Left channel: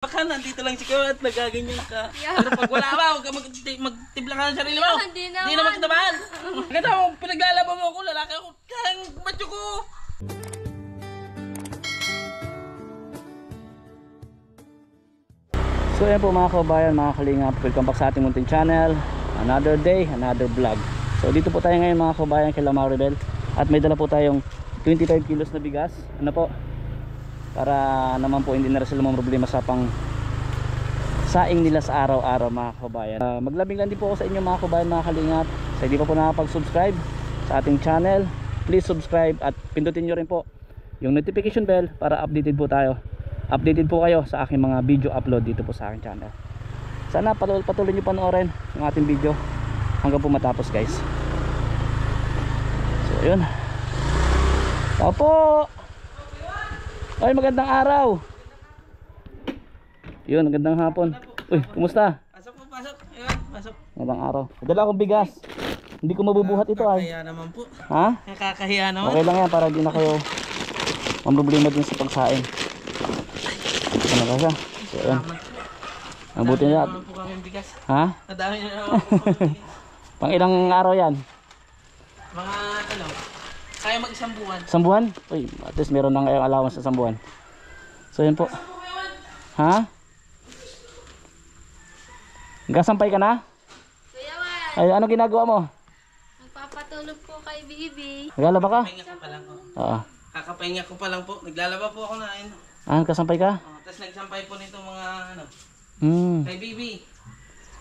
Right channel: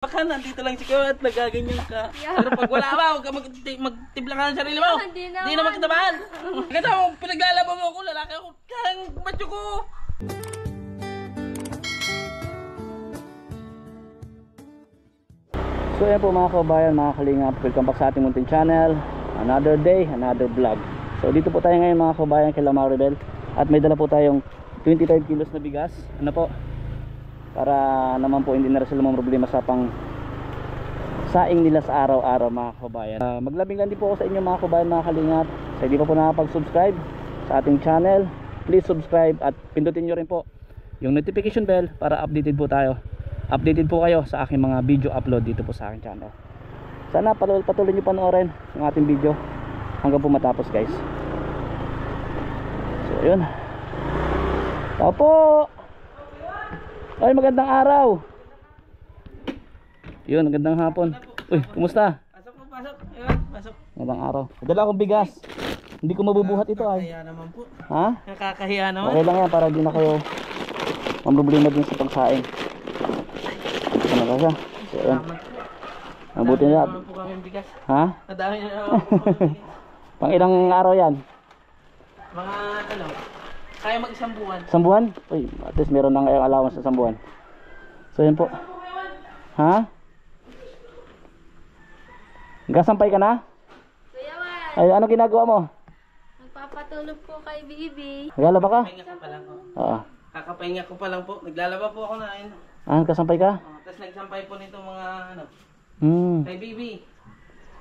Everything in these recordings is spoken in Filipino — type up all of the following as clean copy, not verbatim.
Baka nandito lang si Kuya at nagaganyan ka. Pero pag wala ka, huwag ka magtibla ka ng sarili mo. Hindi naman kitabahan. Ganda mo, pinaglalaban mo ako, lalaki ako. Kang batyo ko. So yan po mga kabayan, mga kalingap, welcome back sa ating munting channel. Another day, another vlog. So dito po tayo ngayon mga kabayan kay Maribel. At may dala po tayong 25 kilos na bigas. Ano po? Para naman po hindi na rin sila mga problema sa pang saing nila sa araw-araw mga kabayan. Maglabing lang din po ako sa inyo mga kabayan, mga kalingap. Sa hindi pa po nakapag-subscribe sa ating channel, please subscribe at pindutin nyo rin po yung notification bell para updated po tayo. Updated po kayo sa aking mga video upload dito po sa aking channel. Sana patuloy nyo panoorin yung ating video hanggang po matapos guys. So yun. Tao po. Ay, magandang araw. Yun, magandang hapon. Uy, kumusta? Pasok po, pasok. Ayun, pasok. Magandang araw. Dala akong bigas. Hindi ko mabubuhat ito ay. Nakakahiya naman po. Ha? Nakakahiya naman. Okay lang yan para di na kayo mamroblema din sa pagsaing. Ano ka siya? So, yun. Mabuti na. Naman po kami bigas. Ha? Nadami na naman po kami. Pang ilang araw yan? Mga ano, kaya mag-isang buwan. Isang buwan? Uy, at least meron na kayong allowance sa isang buwan. So yun po. Ha? Gasampay ka na? Kuya Juan, Ay, ano ginagawa mo? magpapatulog po kay Bibi. Naglalaba ka? Kakapahinga ko pa lang po. Oo. Kakapahinga ko pa lang po. Naglalaba po ako na ayun. Ah, kasampay ka? Tapos nagsampay po nito mga ano, Hmm. kay Bibi.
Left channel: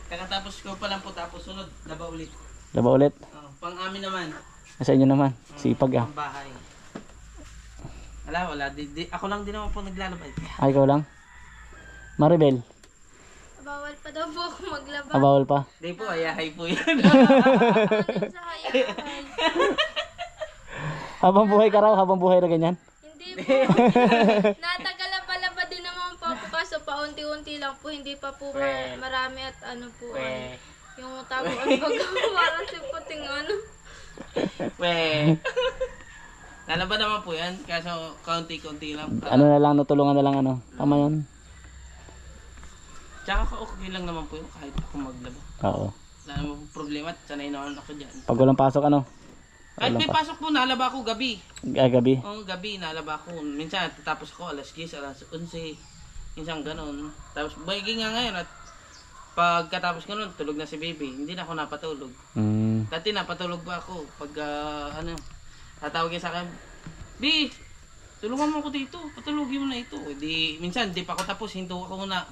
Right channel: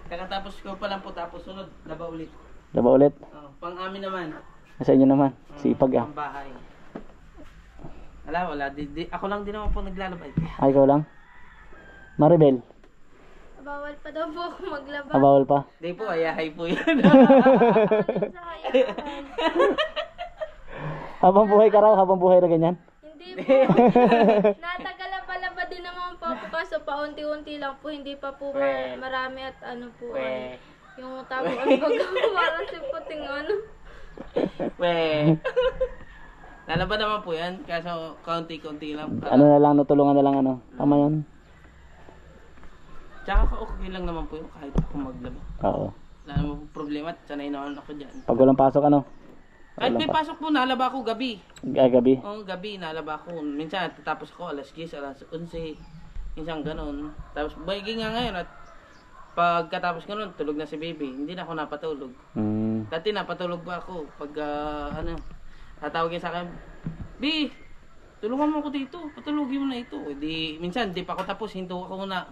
Kakatapos ko pa lang po tapos sunod, laba ulit. Laba ulit? Pang amin naman. Sa inyo naman. Sipag ah. Pang bahay. Wala. Ako lang din naman po naglalaba. Ay, ikaw lang? Maribel, Bawal pa daw po ako maglaba. bawal pa? Hindi po, ayahay po yan. Ano sa hayahay? Habang buhay ka raw, habang buhay na ganyan? Hindi po. Natagala-palaba din naman po ako kaso paunti-unti lang po. Hindi pa po marami at ano po. Yung tago ang bago parang si puting ano. Lalaba naman po yan, kaso kaunti-kunti lang. Ano na lang, natulungan na lang ano? Tama yun? Tsaka okay lang naman po yun kahit ako maglaba. Oo. Wala naman po problema at sanay naman ako dyan. Pag walang pasok ano? Kahit may pasok po, nalaba ako gabi. Ay, gabi? Oo, gabi, nalaba ako. Minsan, tatapos ako alas 10, alas 11. Minsan ganun. Tapos, bagay nga ngayon at pagkatapos ko nun, tulog na si baby. Hindi na ako napatulog. Hmm. Dati napatulog pa ako. Pag, tatawagin sa akin, B, tulungan mo ako dito. Patulogin mo na ito. Di, minsan, di pa ako tapos, hinto ako muna.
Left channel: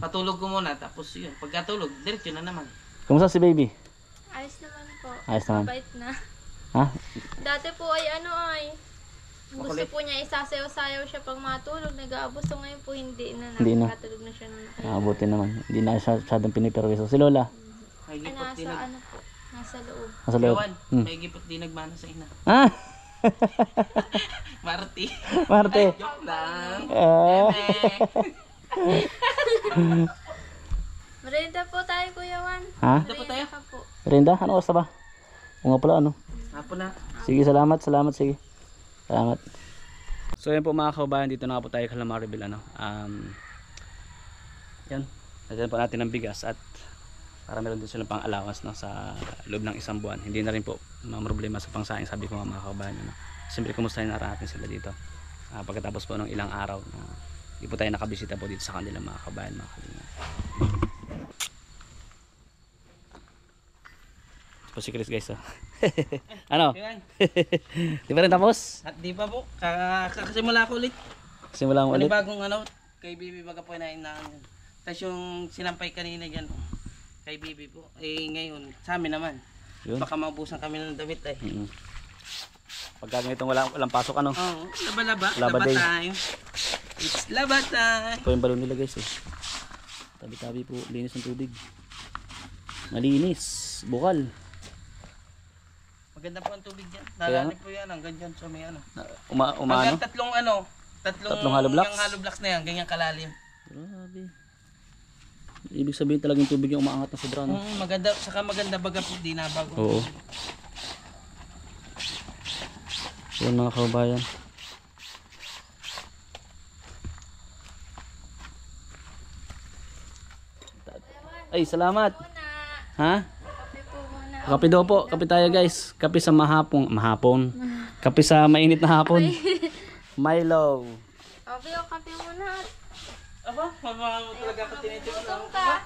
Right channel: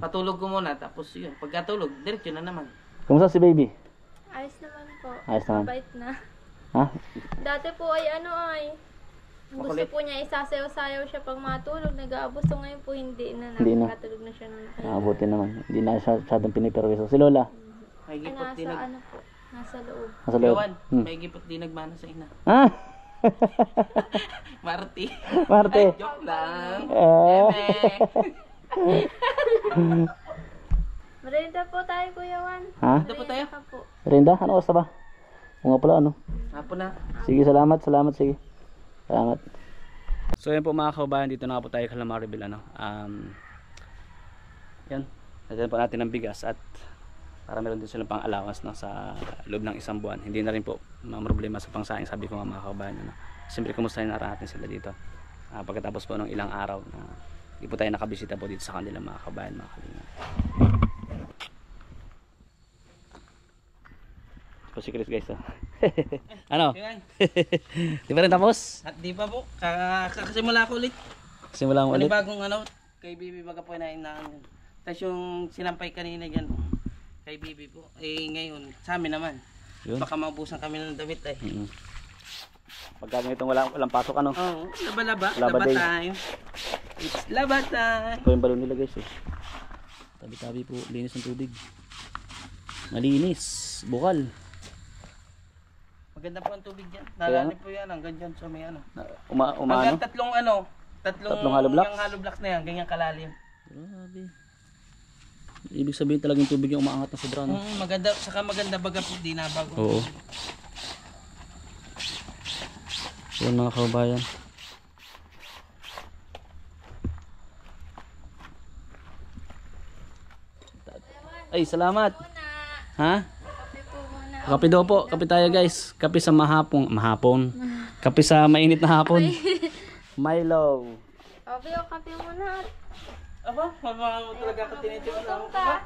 Patulog ko muna. Tapos yun, pagkatulog, diretso na naman. Kumusta si baby? Ayos naman po. Ayos naman. Mabait na. Ha? Dati po ay ano ay gusto Makulit. po niya isasayaw-sayaw siya pag matulog, nag-aabos. So ngayon po hindi na, Hindi na. nakatulog na siya nung Mabuti naman. Hindi na siya masyadong piniperwiso. Si Lola? May ay gipot nasa din. ano po, nasa loob. Nasa loob? Gawan, may gipot din nagmana sa ina. Ah! Marty. Marte! Joke lang. Ah. Merienda po tayo, Kuya Juan. Ha? Ito po tayo. Ka po. Rinda? Ano oras na ba? O nga pala ano? Hapon na. Sige, salamat, sige. Salamat. So yan po mga kabayan, dito na po tayo kay Maribel ano. Yan. Natin po natin ang bigas at para meron din silang pang allowance no, sa loob ng isang buwan. Hindi na rin po mga problema sa pangsaing, sabi ko mga kabayan ano. Siyempre kumustahin na natin sila dito. Pagkatapos po ng ilang araw na hindi po tayo nakabisita po dito sa kanila mga kabayan, mga kalinga. Po si Chris guys oh. Ano? Ayan. Di ba rin tapos? At di pa po, kakasimula ko ulit. Simula mo ulit? Panibagong ano, kay Bibi baga po na inaan. Tapos yung sinampay kanina dyan, kay Bibi po. Eh ngayon, sa amin naman. Yun. Baka maubusan kami ng damit eh. Pagka ganitong walang pasok ano? Oo, laba Laba day. time. It's laba time. Ito yung balon nila guys eh. Tabi-tabi po, linis ng tubig. Malinis, bukal. Maganda po ang tubig dyan. Nalalim po yan hanggang dyan sa may ano. Umano? Hanggang tatlong hollow blocks? yung hollow blocks na yan, ganyan kalalim. Grabe. Ibig sabihin talagang tubig yung umaangat na sobra no? Maganda, saka maganda baga po, di na bago. Oo. Yan mga kabayan. Ay, salamat. Muna. Ha? Kape po muna. Kape daw po. Kape tayo guys. Kape sa mahapon. Kape sa mainit na hapon. Milo. Kape muna. Aba, mama talaga ako tinitiwan Gutom ka.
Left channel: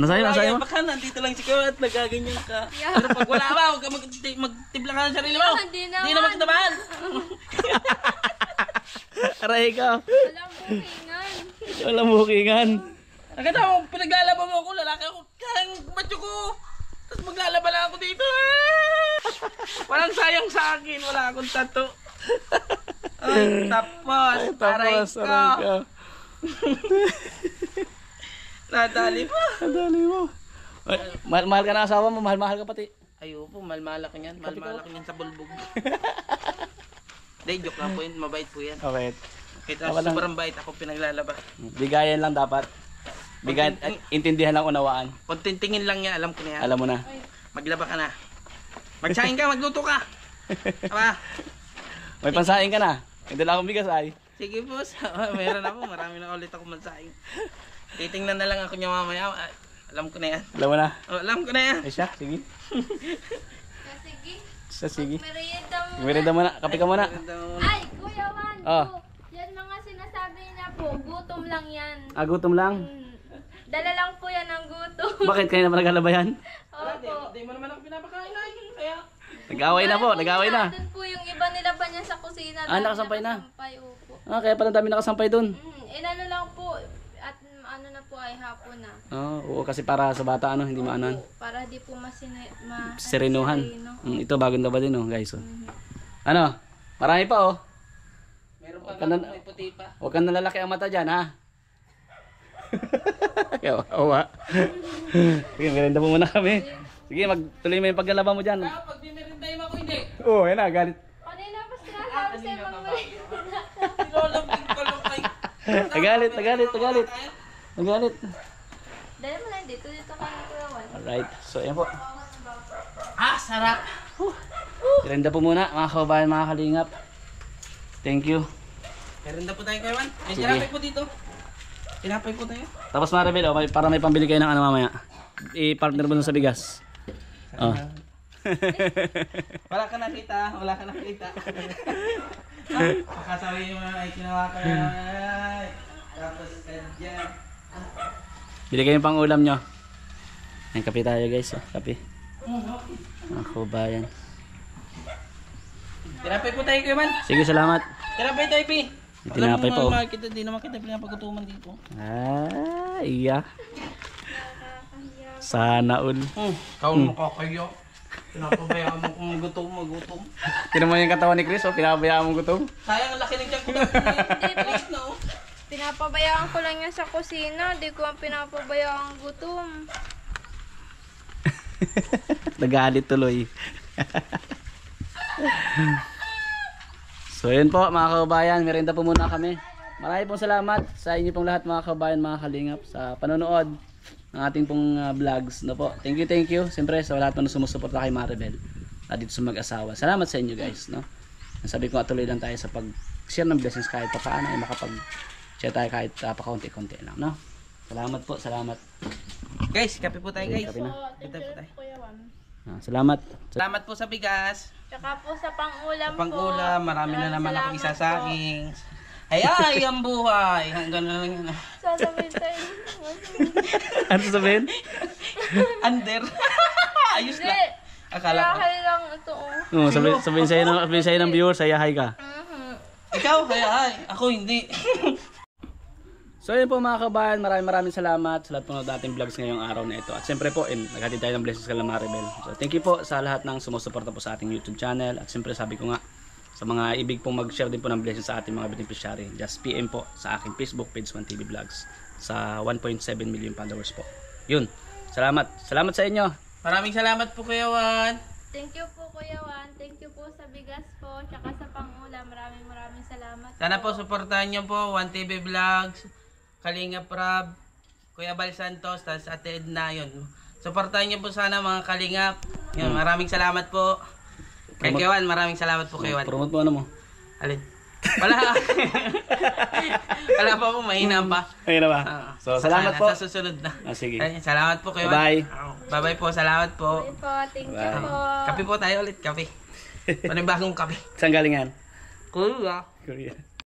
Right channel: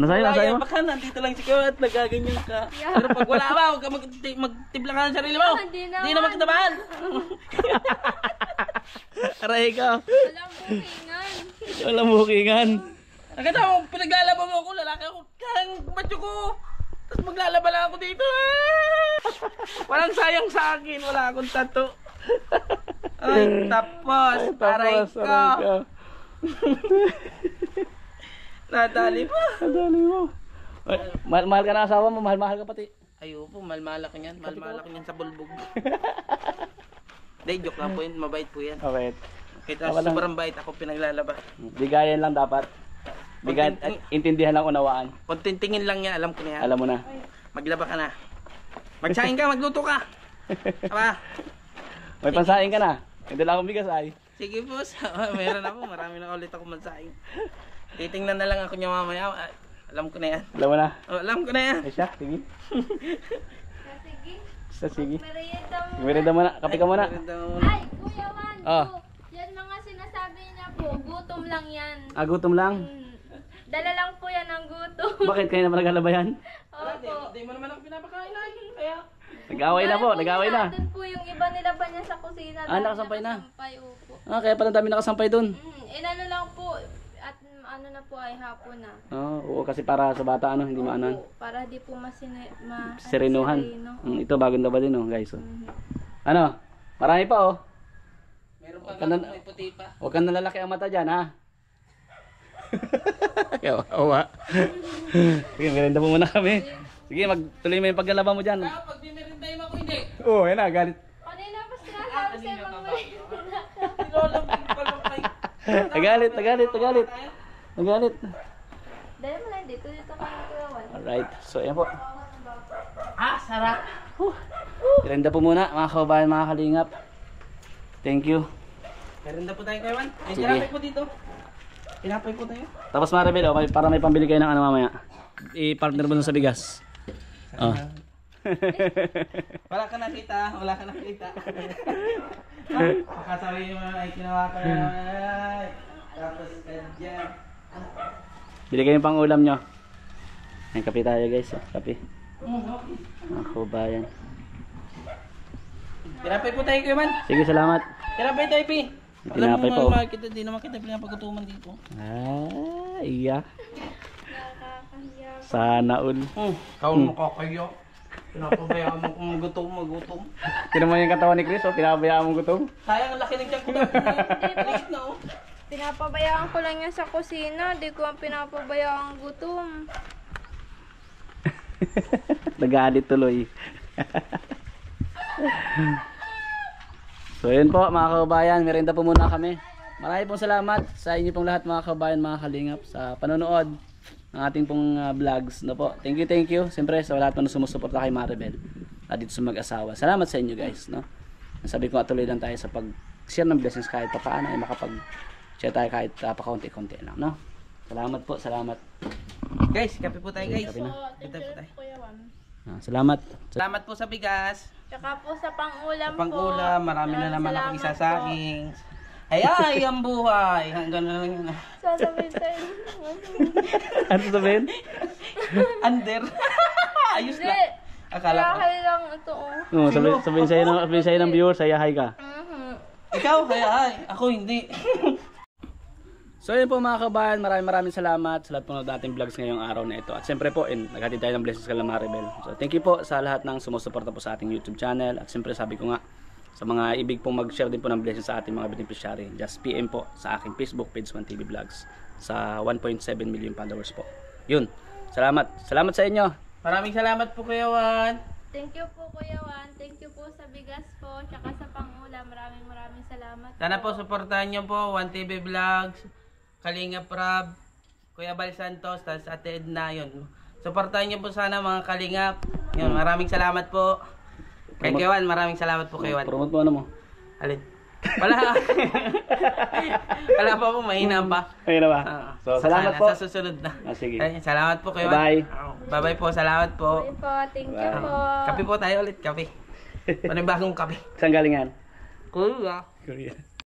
Ano sa'yo? Ano sa'yo? Baka nandito lang si Kuya at nagaganyan ka. Pero pag wala ba, huwag ka magtibla ka ng sarili mo. Hindi Hindi naman kita mahal. Aray ka. Walang bukingan. Walang bukingan. Nakita mo, pinaglalaban mo ako, lalaki ako, kang macho ko. Tapos maglalaba lang ako dito. Walang sayang sa akin, wala akong tattoo. Ay, tapos, aray ko. Nadali mo. Nadali mo. Mahal ka na asawa mo, mahal ka pati. Ayun po, malmala ko niyan. Malmala ko niyan sa bulbog. Hindi, joke lang po yun. Mabait po yan. Okay. Kita sobrang bait ako pinaglalaba. Bigayan lang dapat. Bigayan at intindihan lang unawaan. Kontintingin lang niya, alam ko na yan. Alam mo na. Maglaba ka na. Magsaing ka, magluto ka. Aba, May pansaing ka na. Hindi lang akong bigas ay. sige po, meron ako. Marami na ulit ako magsaing. Titingnan na lang ako niya mamaya. Ay, alam ko na yan. Alam mo na. Oh, alam ko na yan. Ay siya, sige. Sige. Siya, sige. Merienda muna. Merienda muna. Kape ka muna. Ay, Kuya Juan. Oh. Yan mga sinasabi niya po. Gutom lang yan. Gutom lang. Dala lang po yan ng gutom. Bakit kayo naman naglalaba yan? Opo. Hindi mo naman ako pinapakain lagi. Kaya, Nag-away na po, nag-away na. Doon po yung iba nila pa niya sa kusina. Ah, nakasampay na? Nakasampay, opo. Kaya pala dami nakasampay dun. Inano lang po. At ano na po ay hapon na. Oo, kasi para sa bata hindi maanan. Opo, para di po Serenuhan. sereno. Ito bagong laba din guys. Ano? Marami pa meron pa Huwag ka na- nga may puti pa. Huwag kang nalalaki ang mata dyan ha. Kawawa. Sige, merienda po muna kami. Sige, magtuloy mo yung paglalaba mo dyan. Kaya pag dinerindahin mo ako, hindi. Oo, yan na, galit. Kanina pa sinasabi sa Kanina mga pa ba? Nilolambing ko lang kay... Nagalit. Nagalit. Dahil mo lang dito ka na Kuya Juan. Alright, so yan po. sarap. Merienda po muna, mga kababayan, mga kalingap. Thank you. Merinda po tayo kayo, man. Ay, Sige. tinapay po dito. Tinapay po tayo. Tapos Maribel, para may pambili kayo ng ano mamaya. I-partner mo dun sa bigas. Oh. Wala ka nakita, wala ka nakita. Pakasabi yung mga ay kinawa ka. Tapos dyan. Bili kayo pang ulam nyo. Ay, kape tayo guys. Kape. Mga kababayan. Tinapay po tayo kayo, man. Sige, salamat. Tinapay tayo, Pi. Tinapay po. Alam mo, kita, di naman kita pinapagutuman dito. Iya. Nakakahiya. Sana all. Kau nakakayo. Pinapabayaan mo kung magutom. Tinan mo yung katawan ni Chris, pinabayaan mo gutom. Sayang ang laki ng tiyan ko. Alis na, oh. Pinapabayaan ko lang yan sa kusina. Di ko ang pinapabayaan gutom. Nagalit tuloy. So yun po mga kababayan, merienda po muna kami. Maraming pong salamat sa inyo pong lahat mga kababayan, mga kalingap, sa panonood ng ating pong vlogs. No po. Thank you. Siyempre sa lahat po na sumusuporta kay Maribel dito sa mag-asawa. Salamat sa inyo guys. No? Sabi ko tuloy lang tayo sa pag-share ng blessings kahit pa paano ay makapag-share tayo kahit pa-kaunti-kunti lang. No? Salamat po, salamat. Guys, kape po tayo, guys. Kape na. Kape po tayo. Kuya Juan. Salamat. Salamat po sa bigas. Tsaka po sa pang-ulam po. Pang-ulam, marami na naman ako Salamat isasaing. Ay, ang buhay. Hanggang na lang yun. po. Sasabihin tayo. Ano sabihin? Under. Ayos Hindi. lang. Akala ko. Kaya lang ito oh. No, sabihin sa'yo ng viewer, saya hi ka. Ikaw, ay. Ako hindi. So yun po mga kabayan, maraming salamat sa lahat po ng dating vlogs ngayong araw na ito. At siyempre po, naghatid tayo ng blessings kay Maribel. So thank you po sa lahat ng sumusuporta po sa ating YouTube channel. At siyempre sabi ko nga, sa mga ibig pong mag-share din po ng blessings sa ating mga beneficiary, just PM po sa aking Facebook page 1TV Vlogs sa 1.7 million followers po. Yun, salamat sa inyo. Maraming salamat po Kuya Juan. Thank you po Kuya Juan. Thank you po sa bigas po. Tsaka sa pang-ulam. Maraming salamat. Sana po suportahan niyo po 1TV Vlogs, Kalinga Prab, Kuya Bal Santos, tas Ate Edna yun. Suportahan niyo po sana mga Kalingap. Yun, maraming salamat po. Kay Kuya Juan, maraming salamat po Kuya Juan. Promote mo ano mo. Alin? Wala. Wala pa po, mahina pa. Ayun na ba? So, salamat po. Sa susunod na. Sige. Ay, salamat po kayo. Bye. Bye-bye po, salamat po. Okay po, thank you po. Kape po tayo ulit, kape. Panibagong kape. Saan galing yan? Kuya. Korea.